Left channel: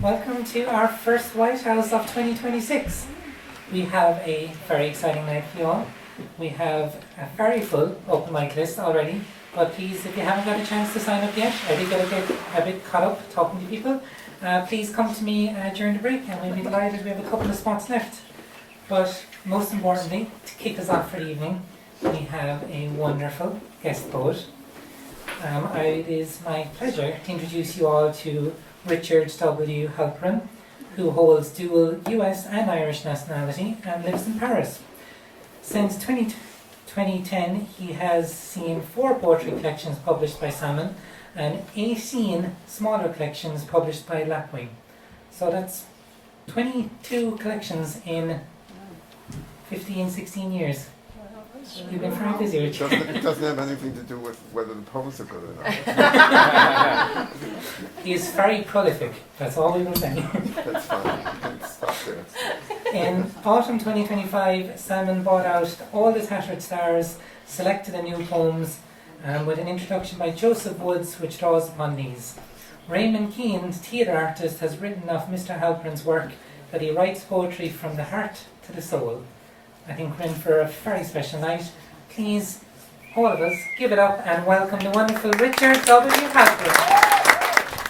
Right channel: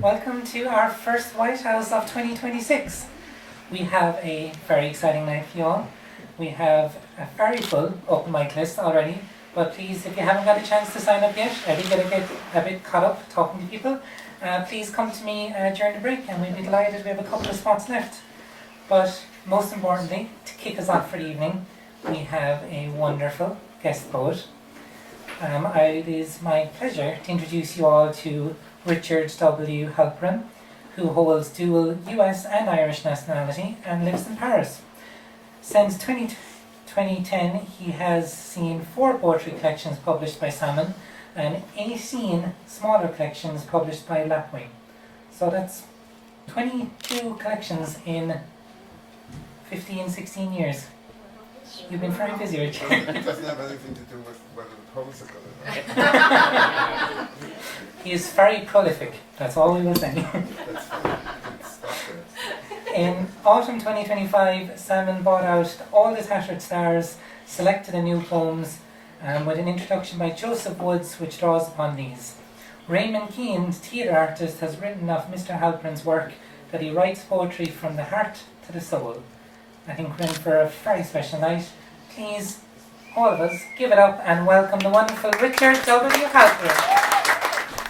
Welcome to our first White House of 2026. We have a very exciting night for you all. We have a very full open mic list already, but please, if you haven't got a chance to sign up yet, I think you're going to get a bit caught up talking to people. Please come to me during the break and we'll be delighted. We have a couple of spots left. But most importantly, to kick us off for the evening, we have a wonderful guest poet. It is my pleasure to introduce you all to Richard W. Halperin, who holds dual US and Irish nationality and lives in Paris. Since 2010, he has seen 4 poetry collections published by Salmon and 18 smaller collections published by Lapwing. So that's 22 collections in 15, 16 years. You've been very busy, Richard. It doesn't have anything to do with whether the poems are good or not. He is very prolific, that's all we will say. That's fine. You can stop there. In autumn 2025, Salmon brought out All the Tattered Stars, selected a new poems, with an introduction by Joseph Woods, which draws upon these. Raymond Keane, theatre artist, has written of Mr. Halperin's work that he writes poetry from the heart to the soul. I think we're in for a very special night. Please, all of us, give it up and welcome the wonderful Richard W. Halperin.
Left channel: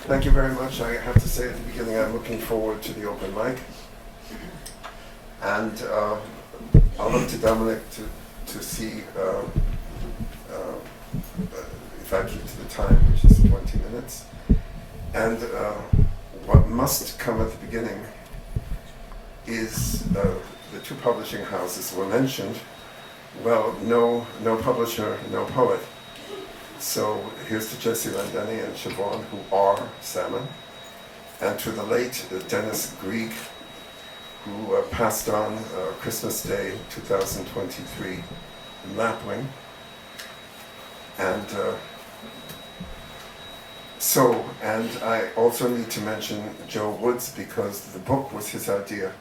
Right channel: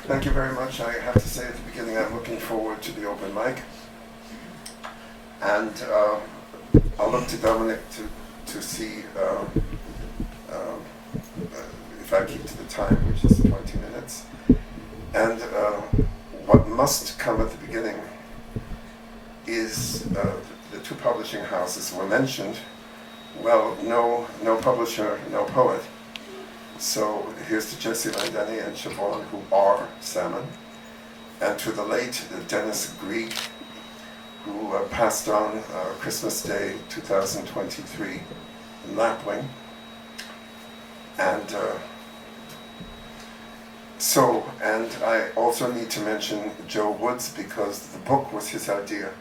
Thank you very much. I have to say at the beginning I'm looking forward to the open mic. And I'll look to Dominic to see if I keep to the time, which is 20 minutes. And what must come at the beginning is the 2 publishing houses were mentioned. Well, no publisher, no poet. So here's to Jesse Langdani and Siobhan, who are Salmon, and to the late Dennis Grieg, who passed on Christmas Day 2023 in Lapwing. And I also need to mention Joe Woods, because the book was his idea.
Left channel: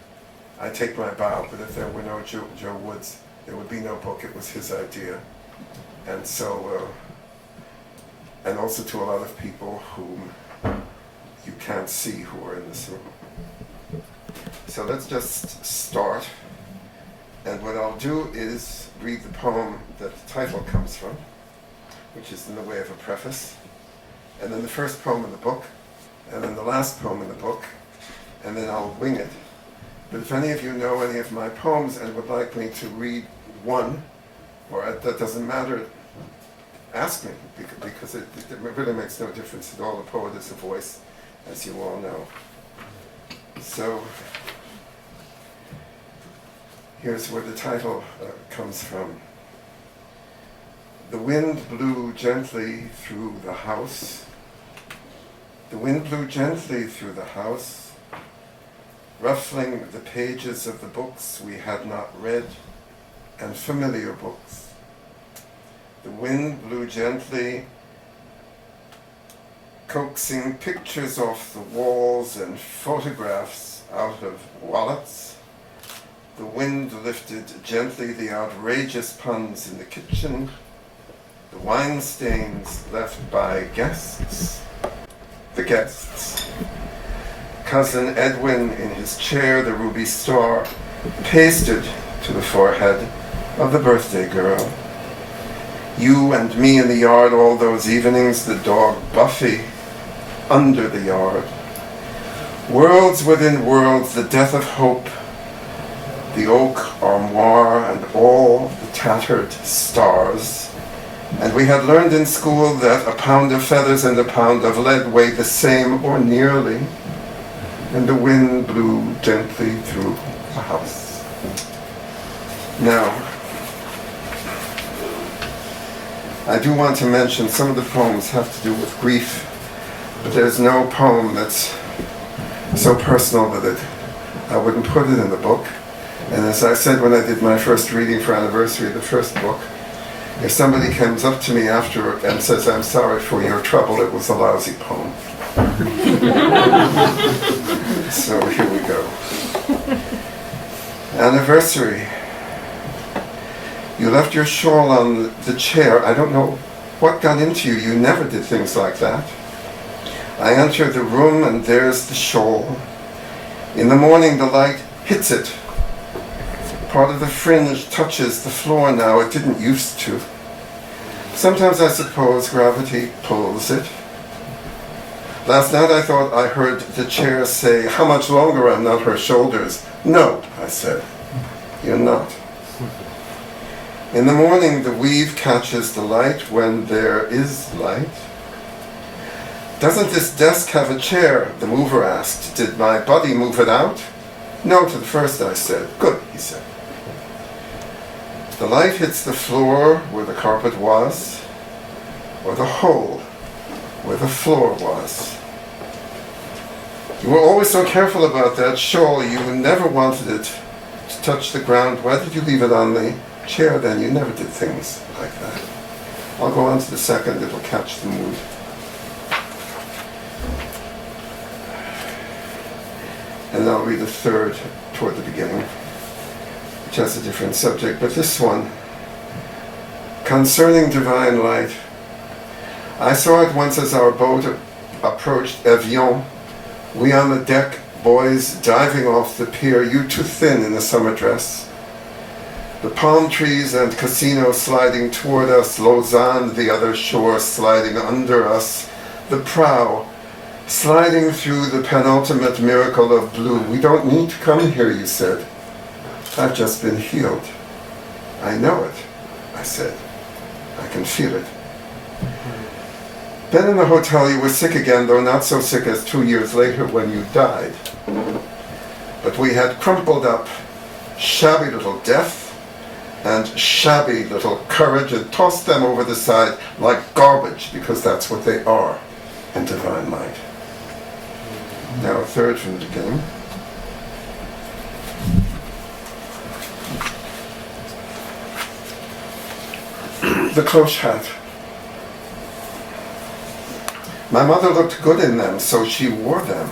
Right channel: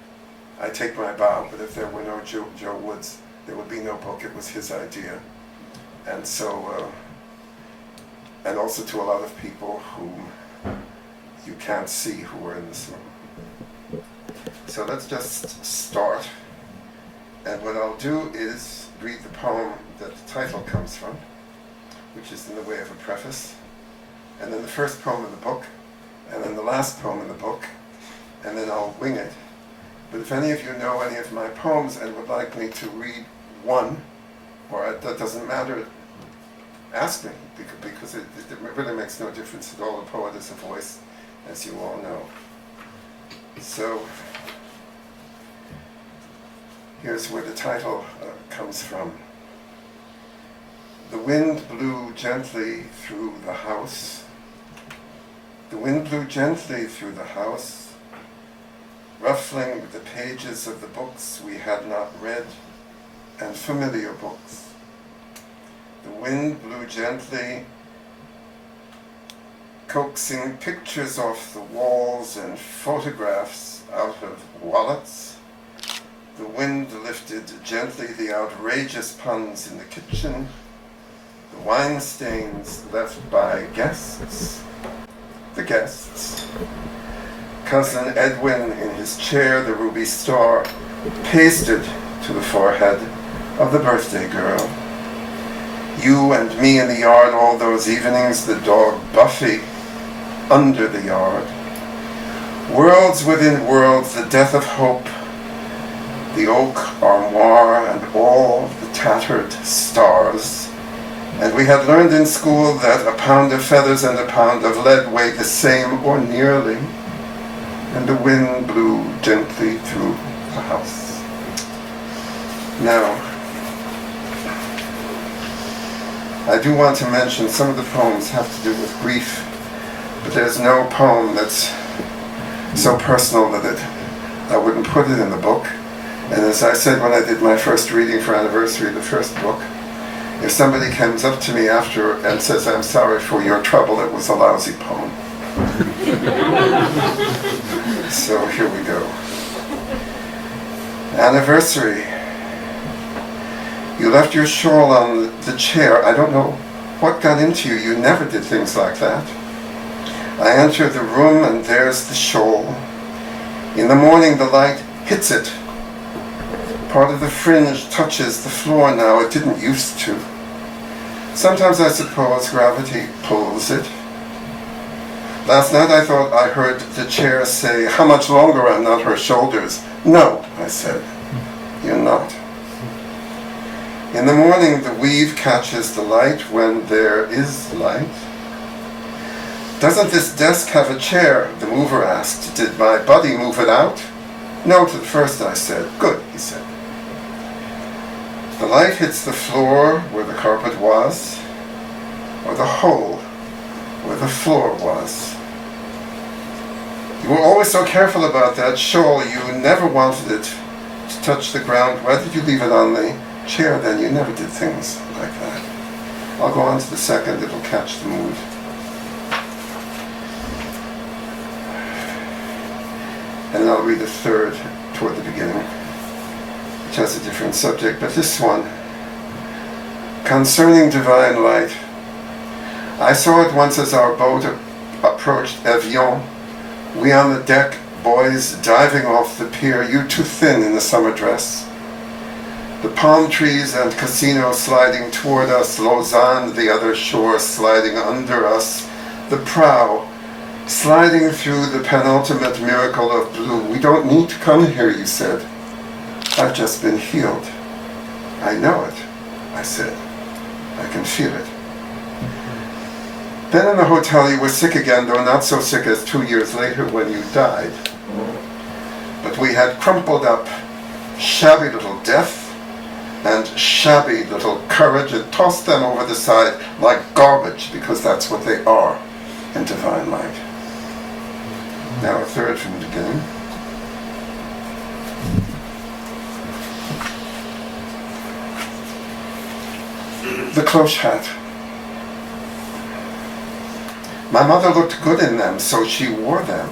I take my bow, but if there were no Joe Woods, there would be no book. It was his idea. And so, and also to a lot of people whom you can't see who are in this room. So let's just start. And what I'll do is read the poem that the title comes from, which is in the way of a preface, and then the first poem in the book, and then the last poem in the book, and then I'll wing it. But if any of you know any of my poems and would like me to read one, or that doesn't matter, ask me, because it really makes no difference at all. The poet is a voice, as you all know. So here's where the title comes from. The wind blew gently through the house. The wind blew gently through the house, ruffling the pages of the books we had not read, and familiar books. The wind blew gently, coaxing pictures off the walls and photographs out of wallets. The wind lifted gently the outrageous puns in the kitchen, the wine stains left by guests, the guests. Cousin Edwin in his chair, the ruby star, pasted to the forehead of the birthday girl. You and me in the yard all those evenings, the dog Buffy under the yard. Worlds within worlds, the death of hope, the oak armoire and all the tattered stars. And we had learned in school that a pound of feathers and a pound of lead weighed the same or nearly. And the wind blew gently through the house. Now, I do want to mention some of the poems have to do with grief, but there's no poem that's so personal that I wouldn't put it in the book. And as I said when I did my first reading for anniversary of the first book, if somebody comes up to me after and says, "I'm sorry for your trouble, it was a lousy poem." So here we go. Anniversary. You left your shawl on the chair. I don't know what got into you. You never did things like that. I enter the room and there's the shawl. In the morning the light hits it. Part of the fringe touches the floor now, it didn't used to. Sometimes I suppose gravity pulls it. Last night I thought I heard the chair say, "How much longer I'm not her shoulders?" "No," I said, "you're not." In the morning the weave catches the light when there is light. "Doesn't this desk have a chair?" the mover asked. "Did my body move it out?" "No, to the first," I said. "Good," he said. The light hits the floor where the carpet was, or the hole where the floor was. "You were always so careful about that shawl. You never wanted it to touch the ground. Why did you leave it on the chair then? You never did things like that." I'll go on to the second, it'll catch the mood. And I'll read the third toward the beginning, which has a different subject, but this one, concerning divine light. I saw it once as our boat approached Evian. We on the deck, boys diving off the pier, you too thin in the summer dress. The palm trees and casino sliding toward us, Lausanne, the other shore, sliding under us, the prow, sliding through the penultimate miracle of blue. "We don't need to come here," you said. "I've just been healed." "I know it," I said. "I can feel it." Then in the hotel you were sick again, though not so sick as 2 years later when you died. But we had crumpled up shabby little death and shabby little courage and tossed them over the side like garbage, because that's what they are in divine light. Now a third from the beginning. The cloche hat. My mother looked good in them, so she wore them.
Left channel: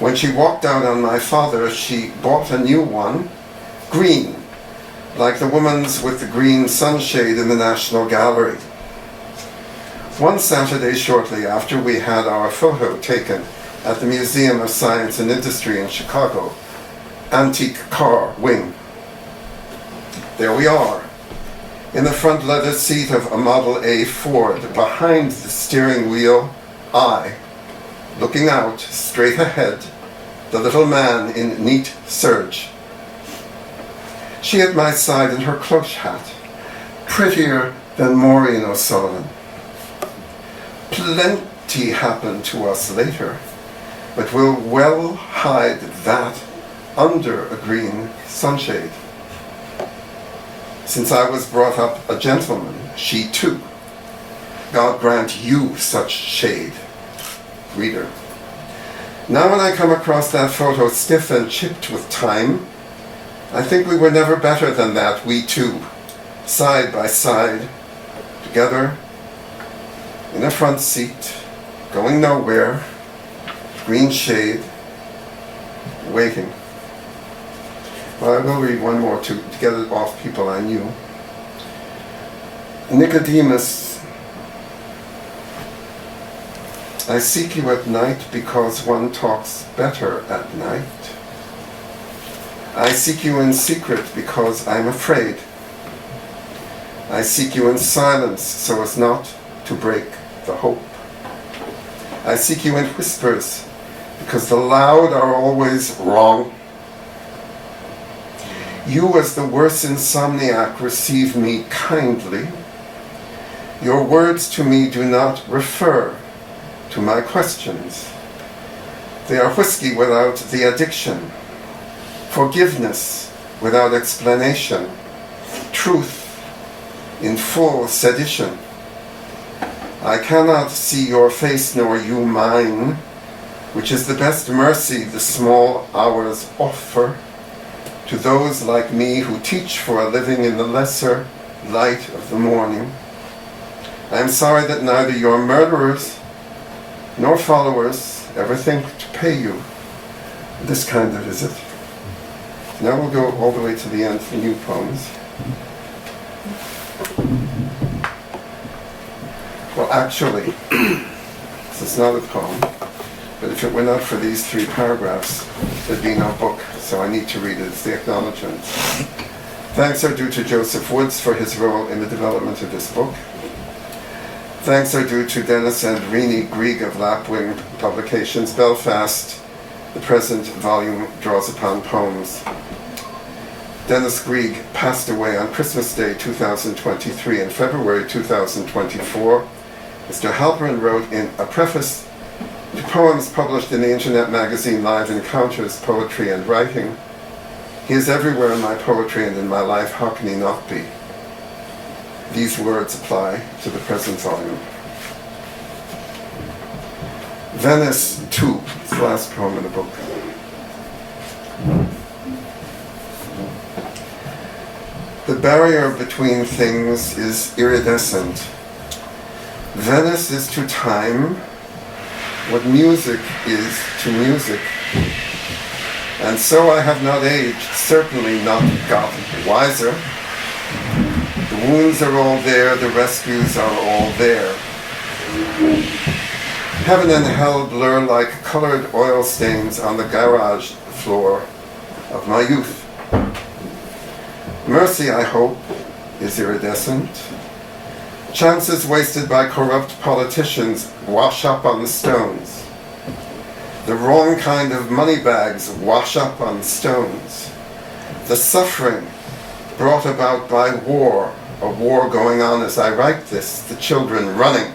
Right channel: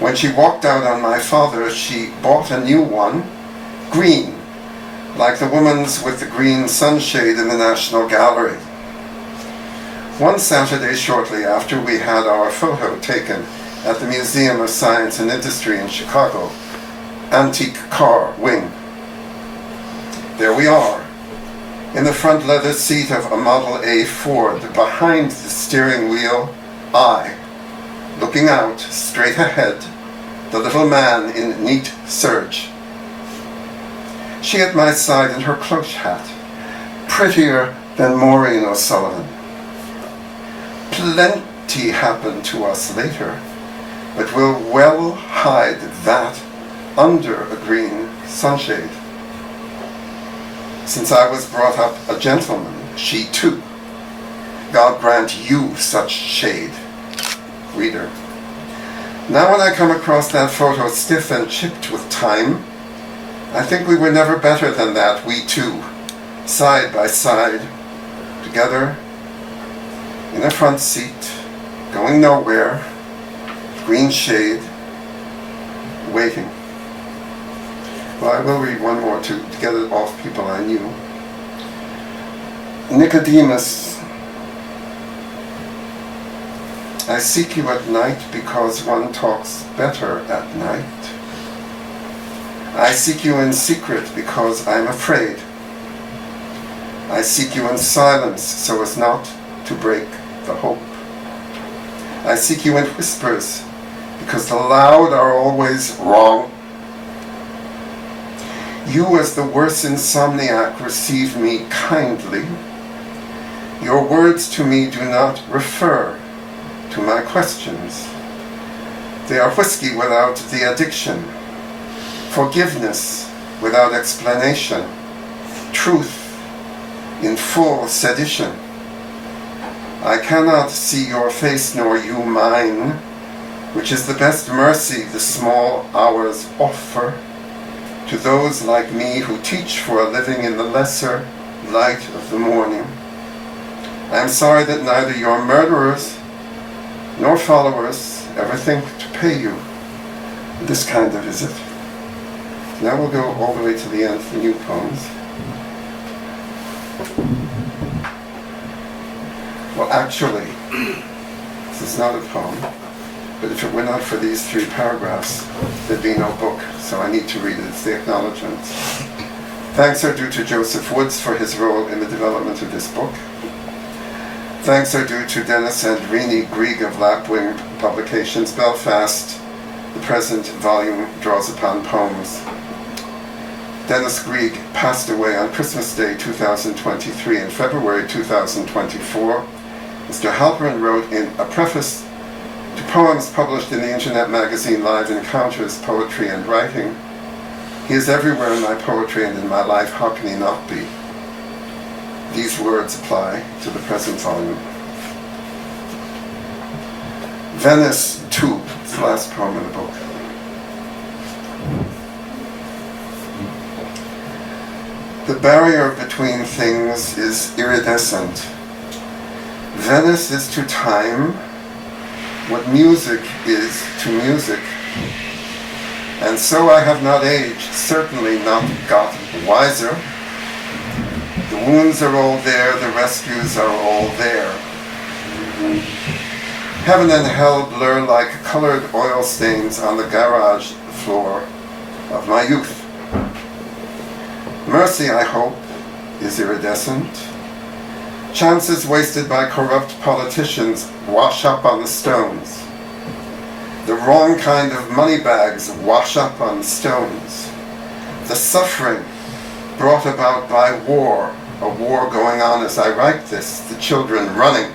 When she walked out on my father, she bought a new one, green, like the woman's with the green sunshade in the National Gallery. One Saturday shortly after, we had our photo taken at the Museum of Science and Industry in Chicago, antique car wing. There we are, in the front leather seat of a Model A Ford, behind the steering wheel, I, looking out straight ahead, the little man in neat serge. She at my side in her cloche hat, prettier than Maureen O'Sullivan. Plenty happened to us later, but we'll well hide that under a green sunshade. Since I was brought up a gentleman, she too. God grant you such shade, reader. Now when I come across that photo stiff and chipped with time, I think we were never better than that, we two, side by side, together, in a front seat, going nowhere, green shade, waiting. Well, I will read one more to get it off people I knew. Nicodemus, I seek you at night because one talks better at night. I seek you in secret because I'm afraid. I seek you in silence so as not to break the hope. I seek you in whispers because the loud are always wrong. You, as the worse insomniac, receive me kindly. Your words to me do not refer to my questions. They are whiskey without the addiction, forgiveness without explanation, truth in full sedition. I cannot see your face nor you mine, which is the best mercy the small hours offer to those like me who teach for a living in the lesser light of the morning. I am sorry that neither your murderers nor followers ever think to pay you this kind of visit. Now we'll go all the way to the end for new poems. Well, actually, This is not a poem, but if it were not for these 3 paragraphs, there'd be no book, so I need to read it. It's the acknowledgement. Thanks are due to Joseph Woods for his role in the development of this book. Thanks are due to Dennis and Rini Grieg of Lapwing Publications, Belfast. The present volume draws upon poems. Dennis Grieg passed away on Christmas Day 2023. In February 2024, Mr. Halperin wrote in a preface to poems published in the internet magazine Live Encounters, Poetry and Writing, "He is everywhere in my poetry and in my life, how can he not be?" These words apply to the present volume. Venice 2, it's the last poem in the book. The barrier between things is iridescent. Venice is to time what music is to music. And so I have not aged, certainly not got wiser. The wounds are all there, the rescues are all there. Heaven and hell blur like colored oil stains on the garage floor of my youth. Mercy, I hope, is iridescent. Chances wasted by corrupt politicians wash up on the stones. The wrong kind of money bags wash up on the stones. The suffering brought about by war, a war going on as I write this, the children running,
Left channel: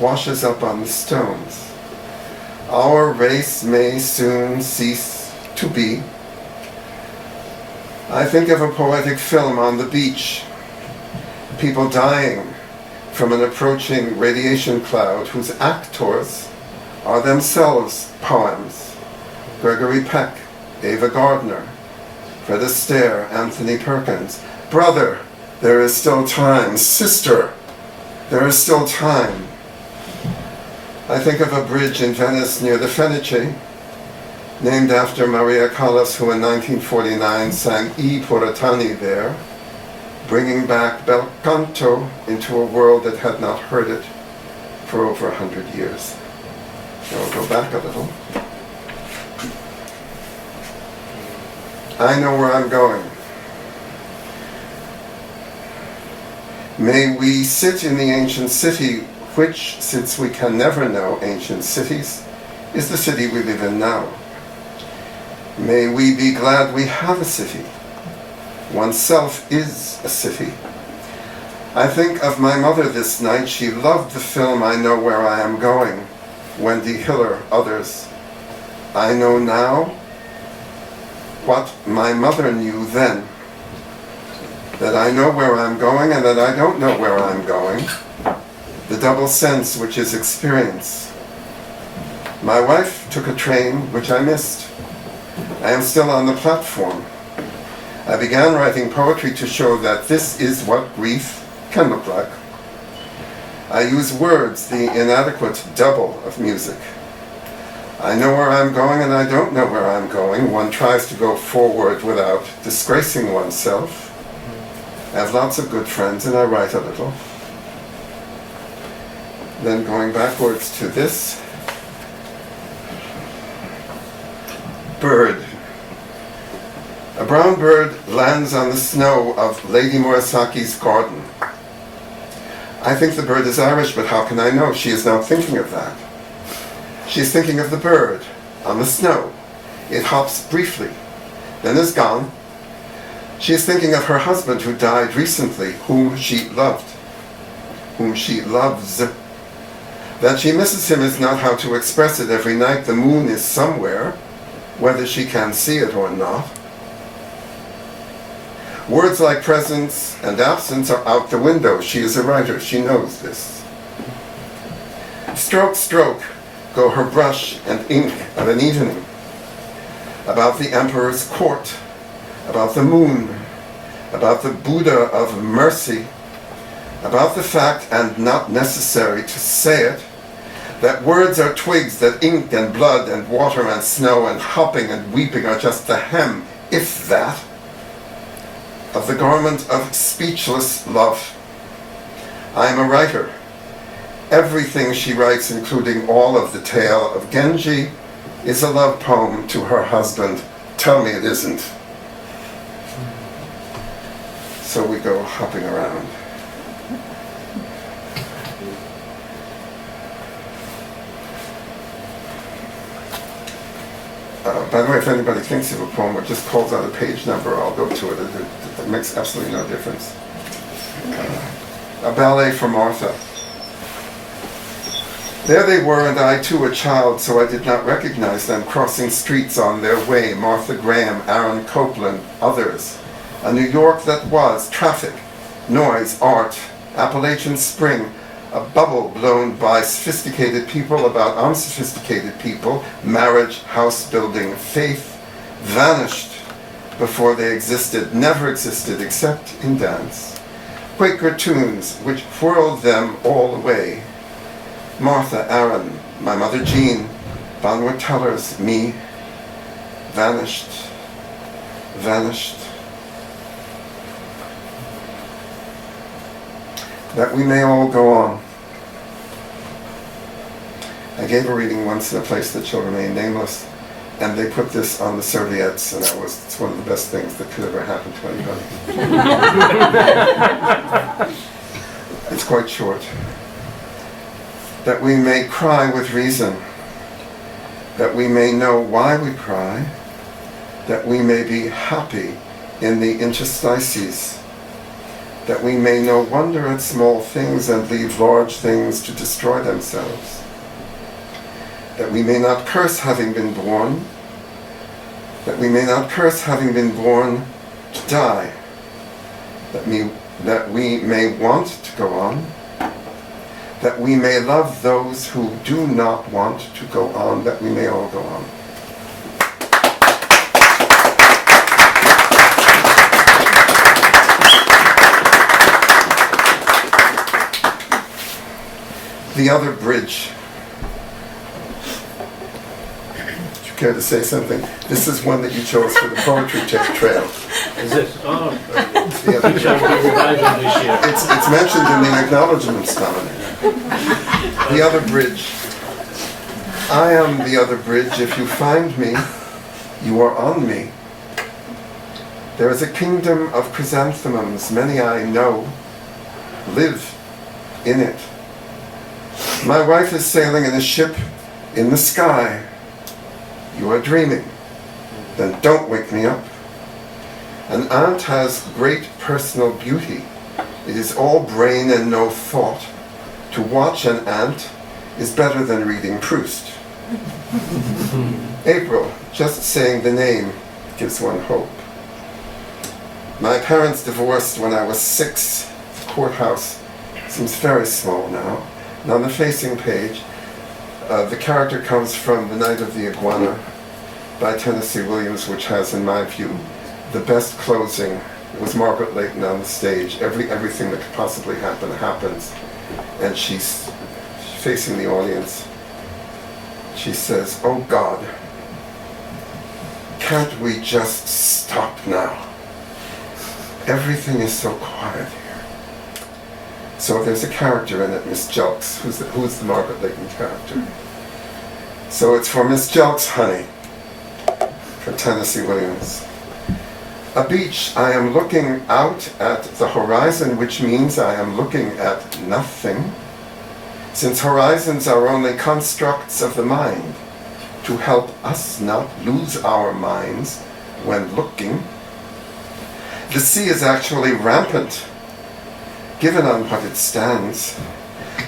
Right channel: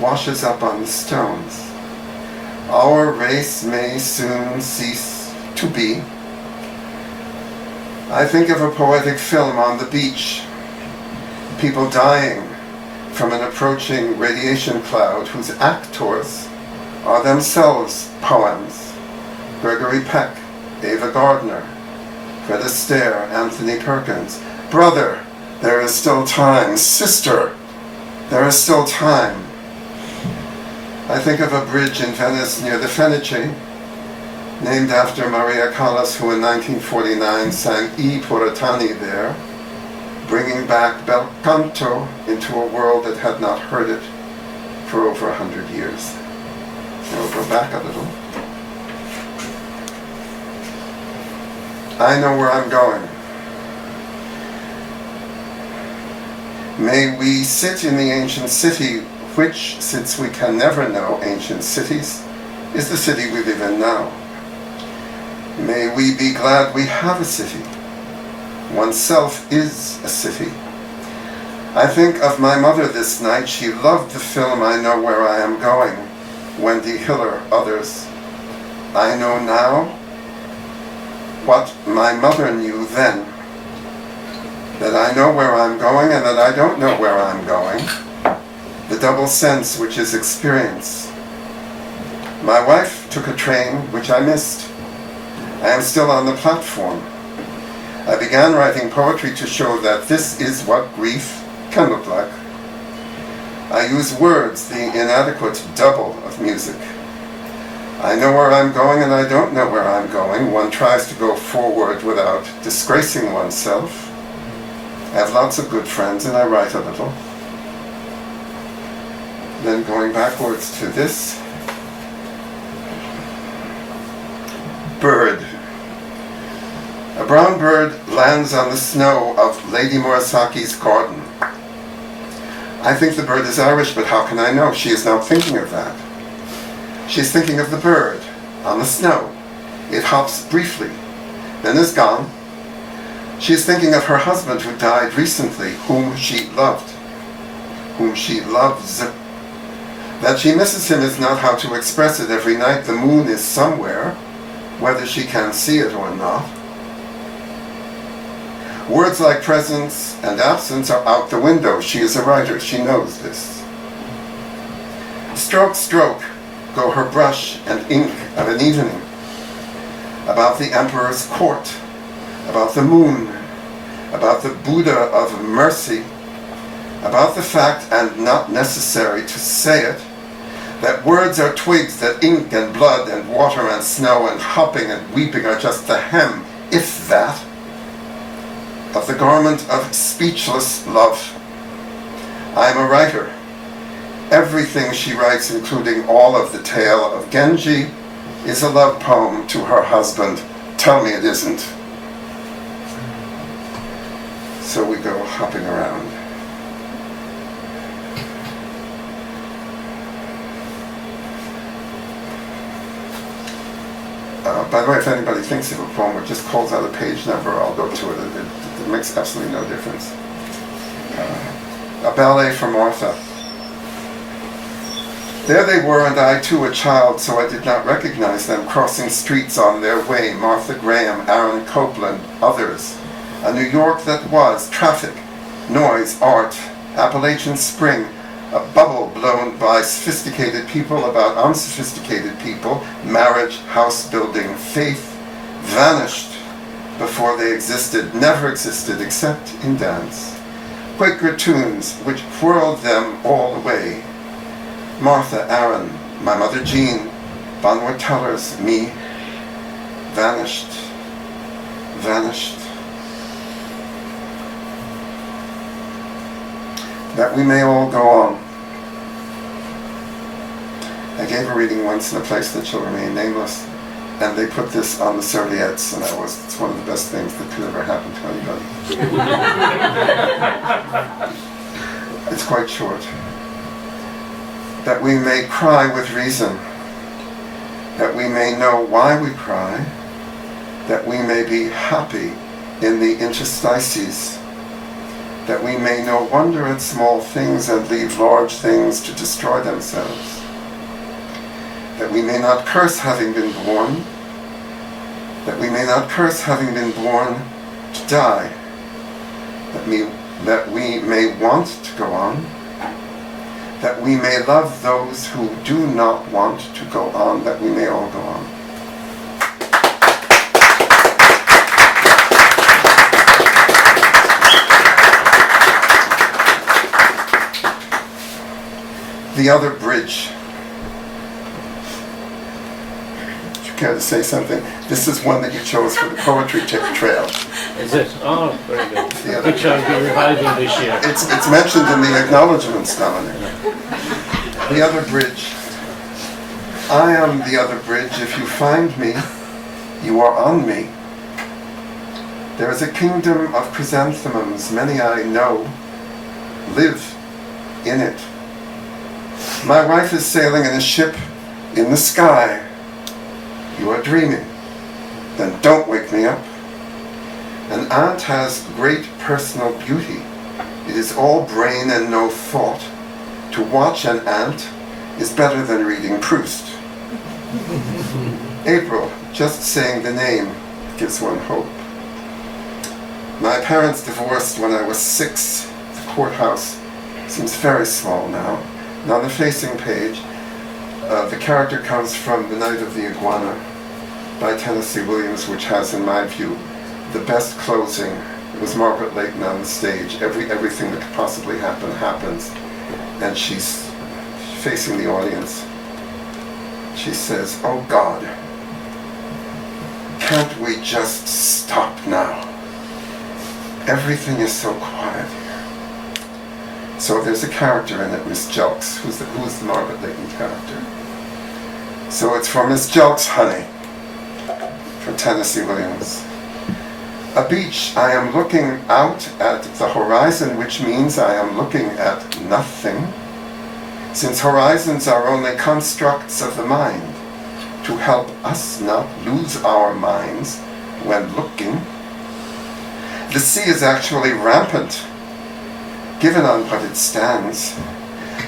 washes up on the stones. Our race may soon cease to be. I think of a poetic film on the beach, people dying from an approaching radiation cloud whose actors are themselves poems. Gregory Peck, Ava Gardner, Fred Astaire, Anthony Perkins. Brother, there is still time. Sister, there is still time. I think of a bridge in Venice near the Fenice, named after Maria Callas, who in 1949 sang I Puritani there, bringing back bel canto into a world that had not heard it for over 100 years. Now we'll go back a little. I know where I'm going. May we sit in the ancient city, which, since we can never know ancient cities, is the city we live in now. May we be glad we have a city. Oneself is a city. I think of my mother this night. She loved the film I Know Where I Am Going, Wendy Hiller, others. I know now what my mother knew then, that I know where I'm going and that I don't know where I'm going, the double sense which is experience. My wife took a train which I missed. I am still on the platform. I began writing poetry to show that this is what grief can look like. I use words, the inadequate double of music. I know where I'm going and I don't know where I'm going. One tries to go forward without disgracing oneself. I have lots of good friends and I write a little. Then going backwards to this. Bird. A brown bird lands on the snow of Lady Murasaki's garden. I think the bird is Irish, but how can I know? She is not thinking of that. She's thinking of the bird on the snow. It hops briefly, then is gone. She is thinking of her husband who died recently, whom she loved, whom she loves. That she misses him is not how to express it. Every night the moon is somewhere, whether she can see it or not. Words like presence and absence are out the window. She is a writer. She knows this. Stroke, stroke, go her brush and ink of an evening. About the emperor's court, about the moon, about the Buddha of mercy, about the fact, and not necessary to say it, that words are twigs, that ink and blood and water and snow and hopping and weeping are just the hem, if that, of the garment of speechless love. I am a writer. Everything she writes, including all of the tale of Genji, is a love poem to her husband. Tell me it isn't. So we go hopping around. By the way, if anybody thinks of a poem or just calls out a page number, I'll go to it. It makes absolutely no difference. A ballet for Martha. There they were, and I too a child, so I did not recognize them, crossing streets on their way. Martha Graham, Aaron Copland, others. A New York that was traffic, noise, art, Appalachian Spring, a bubble blown by sophisticated people about unsophisticated people, marriage, house building, faith, vanished before they existed, never existed except in dance. Quaker tunes which whirled them all away. Martha, Aaron, my mother Jean, Bonwood Tellers, me, vanished, vanished. That we may all go on. I gave a reading once in a place that shall remain nameless, and they put this on the serviettes, and it's one of the best things that could ever happen to anybody. It's quite short. That we may cry with reason, that we may know why we cry, that we may be happy in the interstices, that we may no wonder at small things and leave large things to destroy themselves, that we may not curse having been born, that we may not curse having been born to die, that we may want to go on, that we may love those who do not want to go on, that we may all go on. The Other Bridge. Would you care to say something? This is one that you chose for the poetry trail. Is it? Oh, very good. Which I'll be reviving this year. It's mentioned in the acknowledgements dominant. The Other Bridge. I am the other bridge. If you find me, you are on me. There is a kingdom of chrysanthemums, many I know live in it. My wife is sailing in a ship in the sky. You are dreaming. Then don't wake me up. An aunt has great personal beauty. It is all brain and no thought. To watch an ant is better than reading Proust. April, just saying the name gives one hope. My parents divorced when I was 6. The courthouse seems very small now. And on the facing page, the character comes from The Night of the Iguana by Tennessee Williams, which has, in my view, the best closing. It was Margaret Leighton on the stage. Everything that could possibly happen happens. And she's facing the audience. She says, "Oh God, can't we just stop now? Everything is so quiet here." So there's a character in it, Miss Jelks. Who's the Margaret Leighton character? So it's for Miss Jelks, honey, for Tennessee Williams. A beach, I am looking out at the horizon, which means I am looking at nothing, since horizons are only constructs of the mind to help us not lose our minds when looking. The sea is actually rampant, given on what it stands.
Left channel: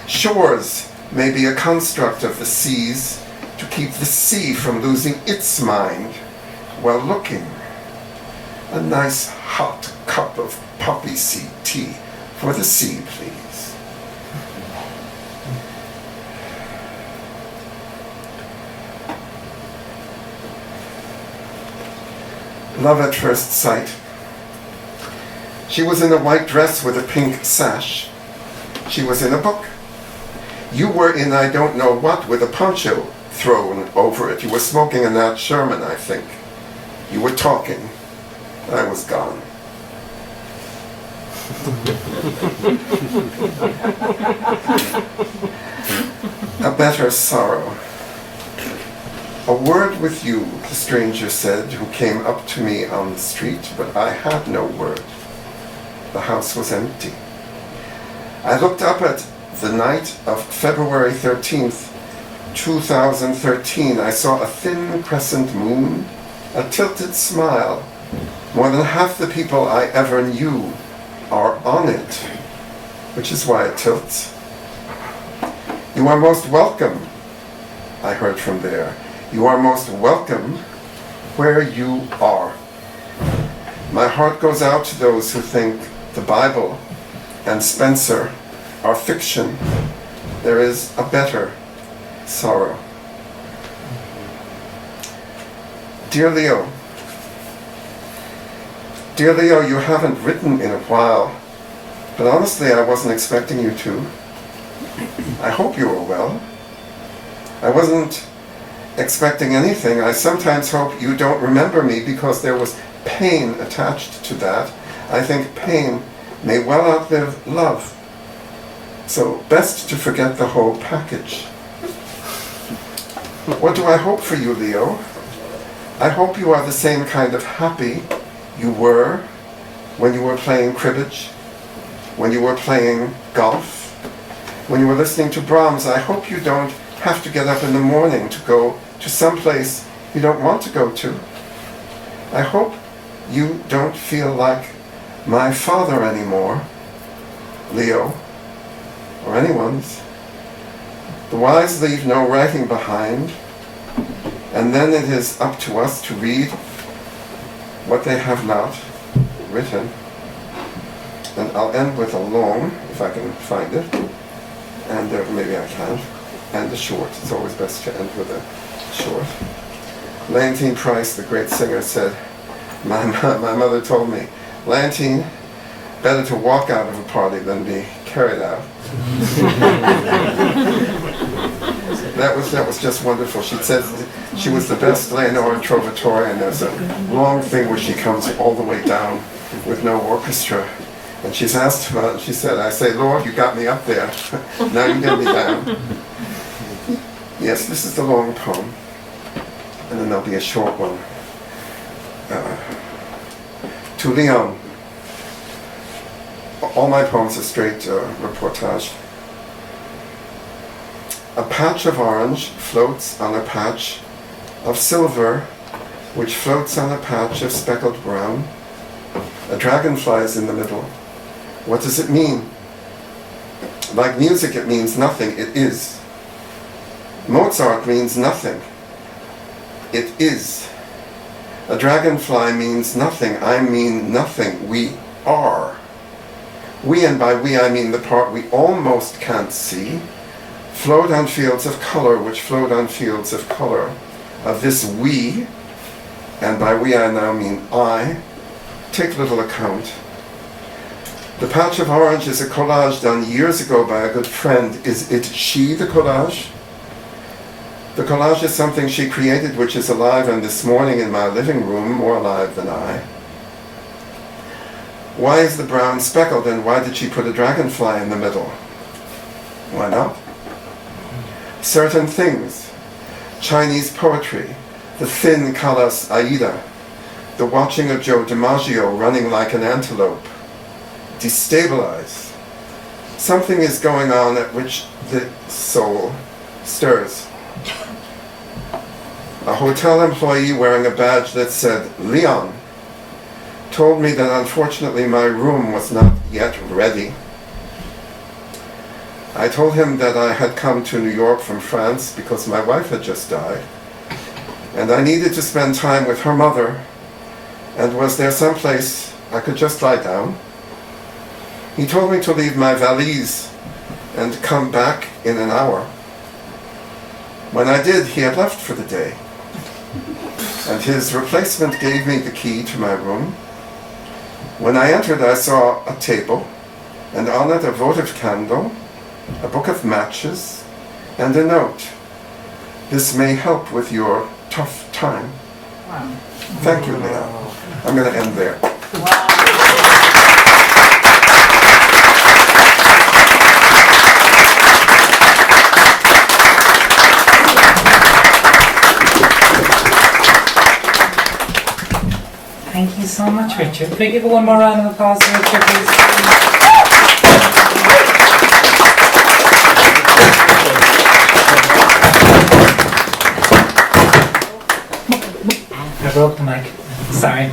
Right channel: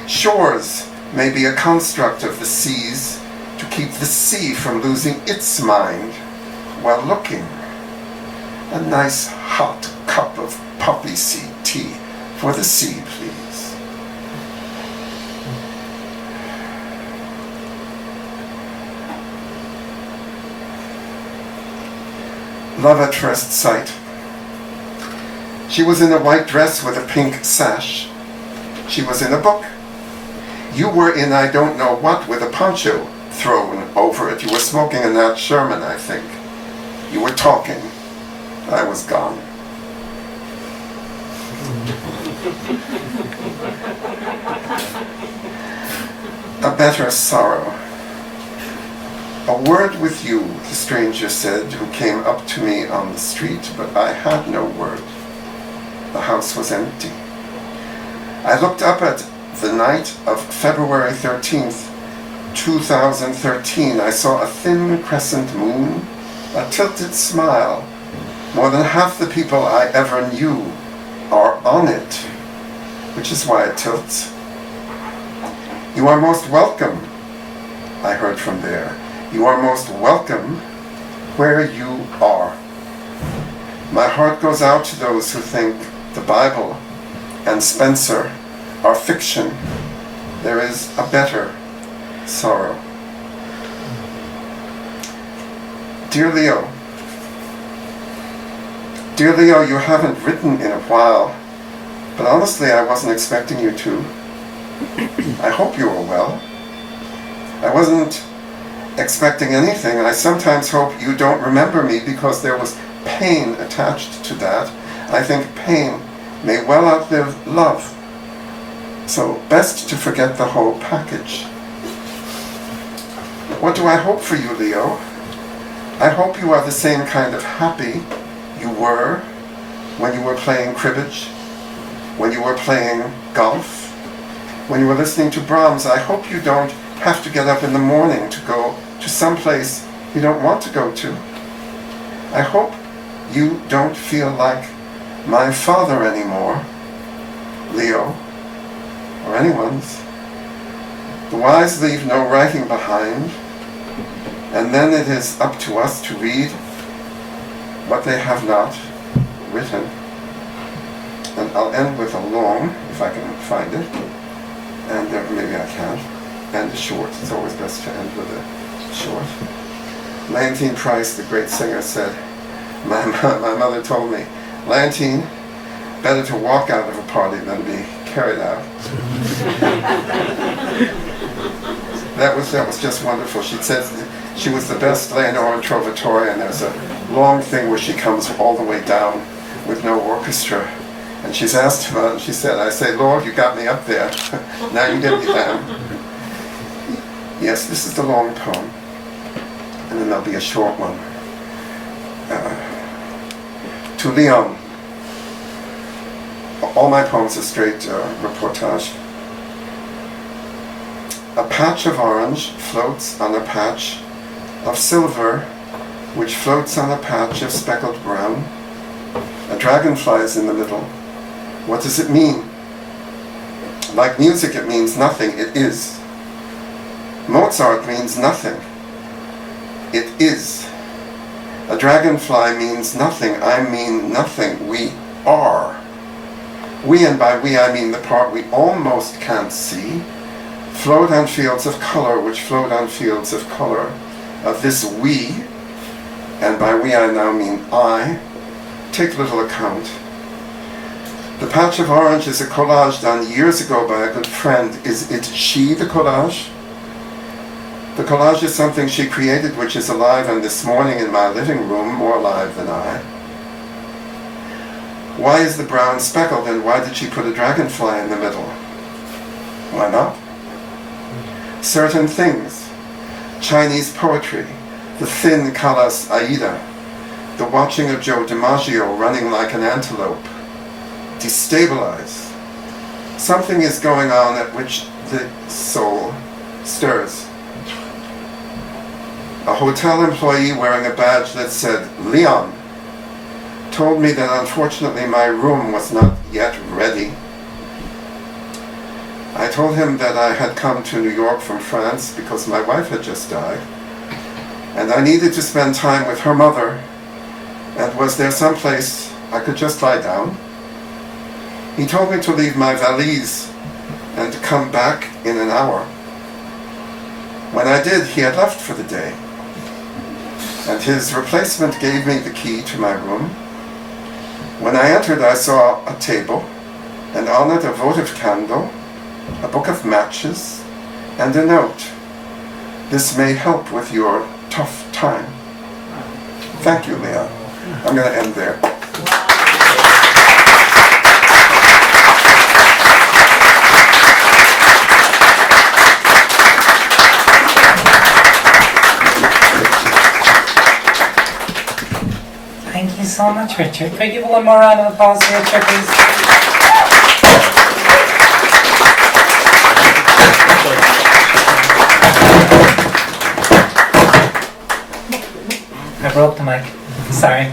Shores may be a construct of the seas to keep the sea from losing its mind while looking. A nice hot cup of poppy seed tea for the sea, please. Love at first sight. She was in a white dress with a pink sash. She was in a book. You were in I don't know what with a poncho thrown over it. You were smoking a Nat Sherman, I think. You were talking. I was gone. A better sorrow. A word with you, the stranger said, who came up to me on the street, but I had no word. The house was empty. I looked up at the night of February 13th, 2013. I saw a thin crescent moon, a tilted smile. More than half the people I ever knew are on it, which is why it tilts. You are most welcome, I heard from there. You are most welcome where you are. My heart goes out to those who think the Bible and Spencer are fiction. There is a better sorrow. Dear Leo, you haven't written in a while, but honestly I wasn't expecting you to. I hope you are well. I wasn't expecting anything. I sometimes hope you don't remember me because there was pain attached to that. I think pain may well outlive love. So best to forget the whole package. What do I hope for you, Leo? I hope you are the same kind of happy you were when you were playing cribbage, when you were playing golf, when you were listening to Brahms. I hope you don't have to get up in the morning to go to some place you don't want to go to. I hope you don't feel like my father anymore, Leo, or anyone's. The wise leave no writing behind, and then it is up to us to read what they have not written. And I'll end with a long, if I can find it, and maybe I can, and a short. It's always best to end with a short. Leontine Price, the great singer, said, my mother told me, Leontine, better to walk out of a party than be carried out. That was just wonderful. She said she was the best Leonore Trovatore, and there's a long thing where she comes all the way down with no orchestra. And she's asked about it, she said, I say, Lord, you got me up there. Now you get me down. Yes, this is the long poem. And then there'll be a short one. To Leon. All my poems are straight reportage. A patch of orange floats on a patch of silver, which floats on a patch of speckled brown. A dragonfly is in the middle. What does it mean? Like music, it means nothing. It is. Mozart means nothing. It is. A dragonfly means nothing. I mean nothing. We are. We, and by we I mean the part we almost can't see, float on fields of color, which float on fields of color. Of this we, and by we I now mean I, take little account. The patch of orange is a collage done years ago by a good friend. Is it she, the collage? The collage is something she created which is alive, and this morning in my living room, more alive than I. Why is the brown speckled, and why did she put a dragonfly in the middle? Why not? Certain things. Chinese poetry, the thin Callas Aida, the watching of Joe DiMaggio running like an antelope, destabilize. Something is going on at which the soul stirs. A hotel employee wearing a badge that said Leon told me that unfortunately my room was not yet ready. I told him that I had come to New York from France because my wife had just died, and I needed to spend time with her mother, and was there some place I could just lie down? He told me to leave my valise and come back in an hour. When I did, he had left for the day, and his replacement gave me the key to my room. When I entered, I saw a table, and on it a votive candle, a book of matches, and a note. This may help with your tough time. Thank you, Leon. I'm going to end there. so much, Richard. Can we give one more round of applause for Richard, please? I broke the mic. Sorry.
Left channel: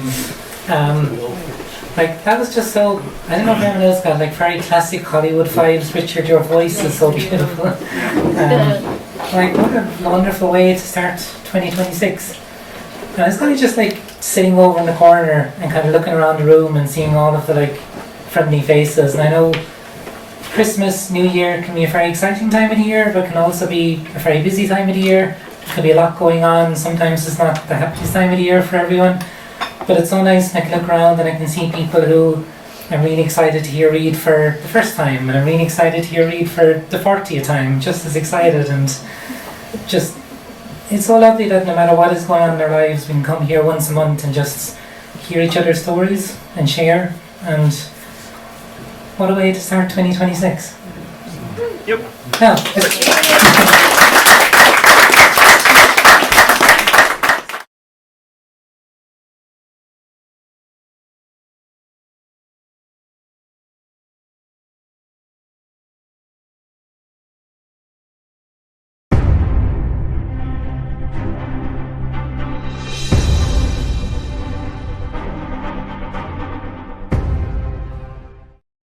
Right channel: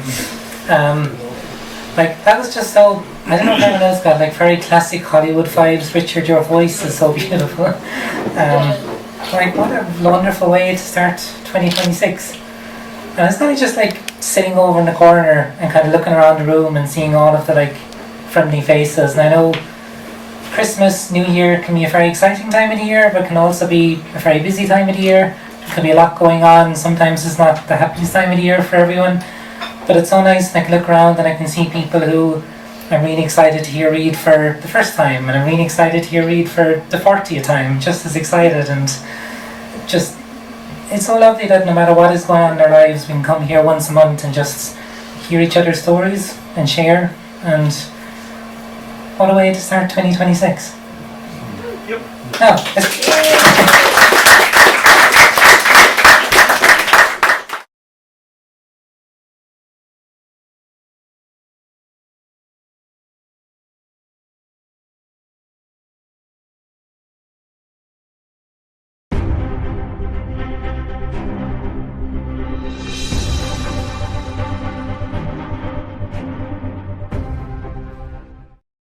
Like, that was just so, I don't know if anyone else got like very classic Hollywood vibes. Richard, your voice is so beautiful. Like, what a wonderful way to start 2026. And I was kind of just like sitting over in the corner and kind of looking around the room and seeing all of the like friendly faces. And I know Christmas, New Year can be a very exciting time of the year, but can also be a very busy time of the year. There can be a lot going on. Sometimes it's not the happiest time of the year for everyone. But it's so nice, and I can look around and I can see people who I'm really excited to hear read for the first time, and I'm really excited to hear read for the 40th time, just as excited. And just, it's so lovely that no matter what is going on in their lives, we can come here once a month and just hear each other's stories and share. And what a way to start 2026. Yep. Oh,